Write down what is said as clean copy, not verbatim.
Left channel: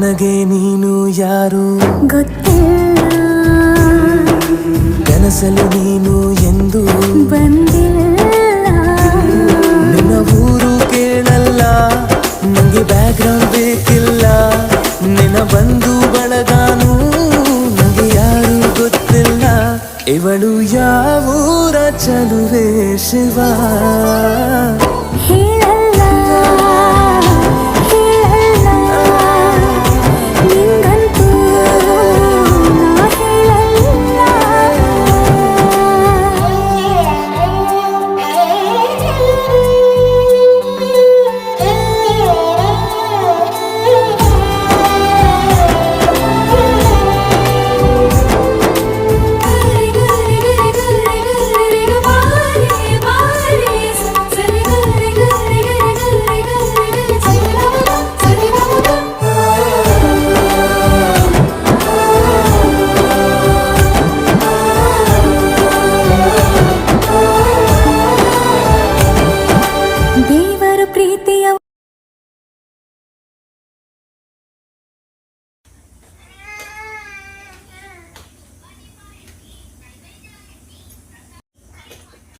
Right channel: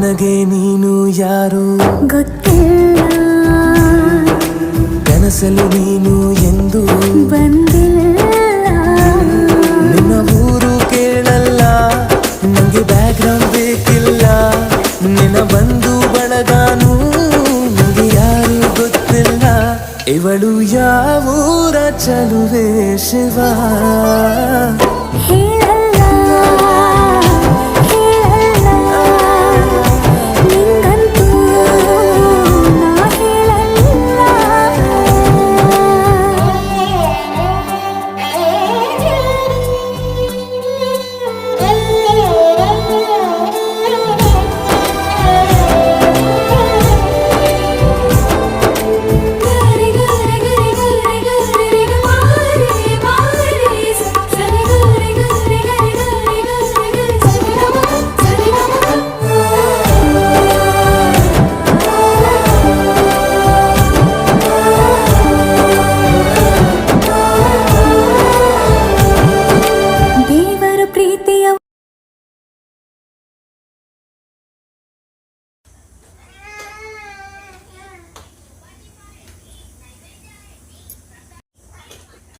ನನಗೆ ನೀನು ಯಾರು ಗೊತ್ತಿಲ್ಲ, ಕನಸಲು ನೀನು ಎಂದು ಬಂದಿಲ್ಲ. ನಿನ್ನ ಊರು ಕೇಳಲ್ಲ, ನಂಗೆ ಬ್ಯಾಕ್ಗ್ರೌಂಡ್ ಬೇಕಿಲ್ಲ. ನಿನ್ನ ಬಂಧು ಬಳಗಾನು ನಂಗೆ ಯಾರು ಗೊತ್ತಿಲ್ಲ. ಇವಳು ಯಾವೂರ ಚಲುವೆ ಶಿವ ಹೇಳ